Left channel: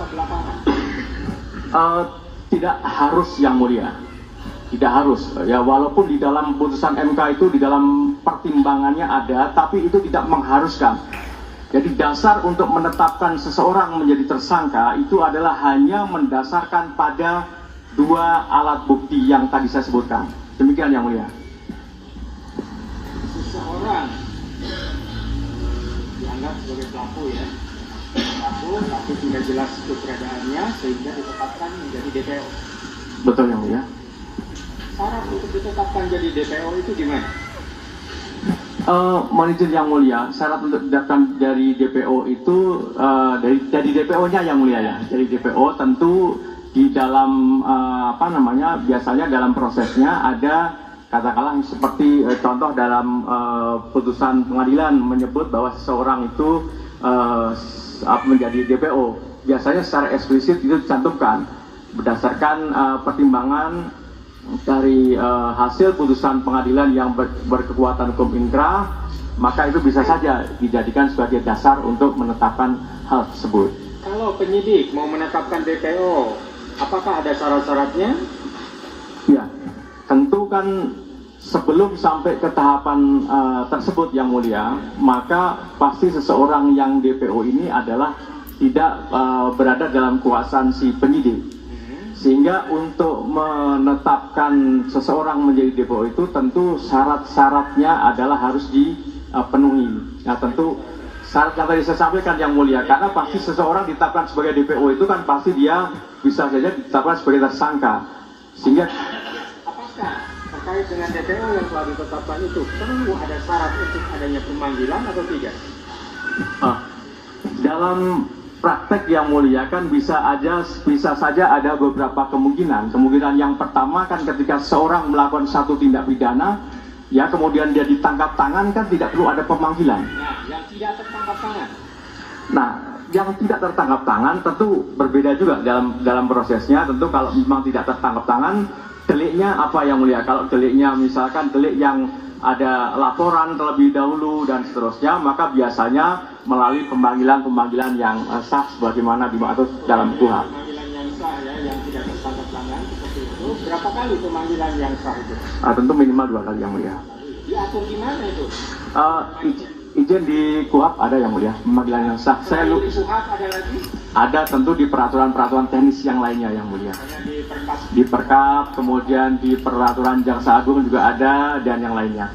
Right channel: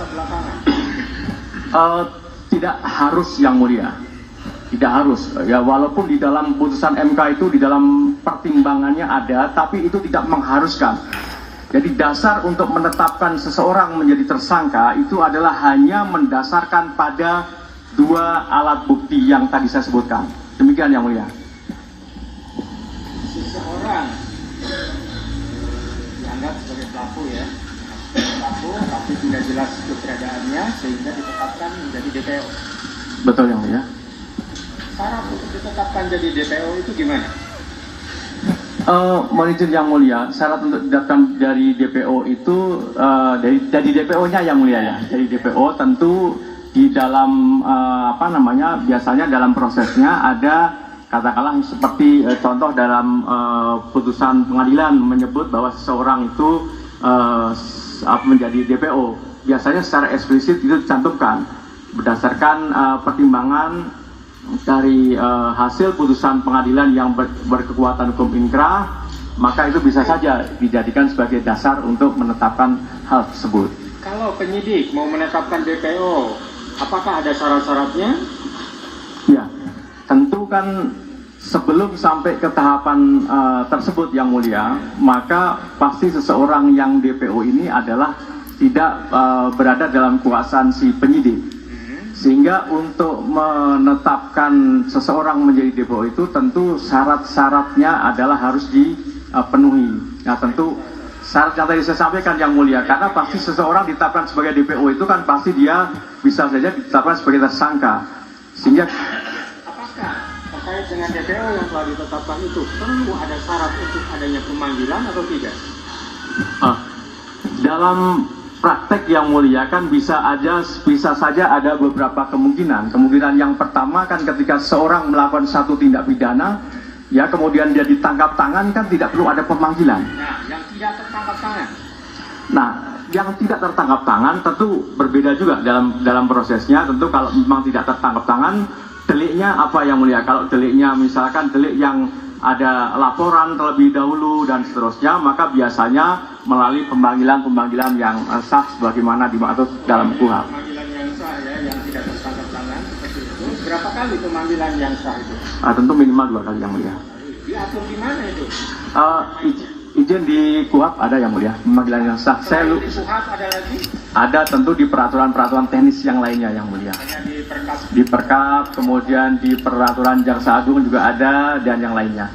bisa belakangan? Tidak harus yang mulia, tidak harus. Ya walaupun di dalam putusan MK itu di dalam pertimbangannya ada, tapi itu tidak mengharuskan. Jadi dasar untuk menetapkan seseorang menjadi tersangka itu adalah hanya mendasarkan pada dua alat bukti yang tadi saya sebutkan. Demikian yang mulia. Seseorang dianggap sebagai pelaku ya, pelaku tapi tidak jelas keberadaannya sehingga ditetapkan menjadi DPO. Betul yang mulia. Syarat untuk ditetapkan jadi DPO itu gimana? Mohon izin yang mulia, syarat untuk ditetapkan dari DPO itu dari DPO-nya yang mulia ya. Dari DPO tentu di dalam biasanya dalam prosesnya ada katakanlah seperti contoh dalam putusan pengadilan menyebut bahwa seseorang itu menjadi DPO. Biasanya secara eksplisit itu dicantumkan berdasarkan pertimbangan dari hasil putusan pengadilan yang berkekuatan hukum inkrah, maka itu bisa saja dijadikan sebagai dasar untuk menetapkan hal tersebut. Kalau penyidik mau menetapkan DPO, apakah ada syarat-syaratnya? Ya, tentu kan sebelum sampai ke tahapan tersebut yang mulia, maka pasti seseorang yang DPO ini adalah tidak berada dalam kuasaan si penyidik. Sehingga untuk menetapkan seseorang menjadi DPO itu tentu syarat-syaratnya adalah harus dipenuhi. Nah tentu syarat yang tadi saya sampaikan yang mulia, karena pasti seseorang ditetapkan sebagai DPO itu kan pasti dia bisa saja ditetapkan sebagai tersangka. Sehingga apakah terkait dengan DPO yang telah ditetapkan itu perlu ada syarat untuk adanya pemanggilan atau tidak? Dalam praktek yang mulia kan bisa saja ada beberapa kemungkinan. Kemungkinan yang pertama kan ketika seorang melakukan satu tindak pidana, ya kemudian dia ditangkap tangan kan tidak perlu ada pemanggilan. Nah, yang tidak tertangkap tangan. Nah, yang tidak tertangkap tangan tentu berbeda juga dalam prosesnya. Tentu kalau memang tidak tertangkap tangan, deliknya apa yang mulia? Kalau deliknya misalkan delik yang ada laporan terlebih dahulu dan seterusnya, maka biasanya melalui pemanggilan yang sah sebagaimana dimaksud dalam KUHP. Pemanggilan yang sah ya, yang tidak tertangkap tangan seperti itu. Berapa kali pemanggilan yang sah itu? Tentu minimal 2 kali yang mulia. Diatur di mana itu? Izin di KUHP ada yang mulia, pemanggilan yang sah. Di KUHP ada lagi? Ada tentu di peraturan-peraturan teknis yang lainnya yang mulia. Hanya di Perkap. Di Perkap, kemudian di peraturan Jaksa Agung juga ada dan yang lainnya.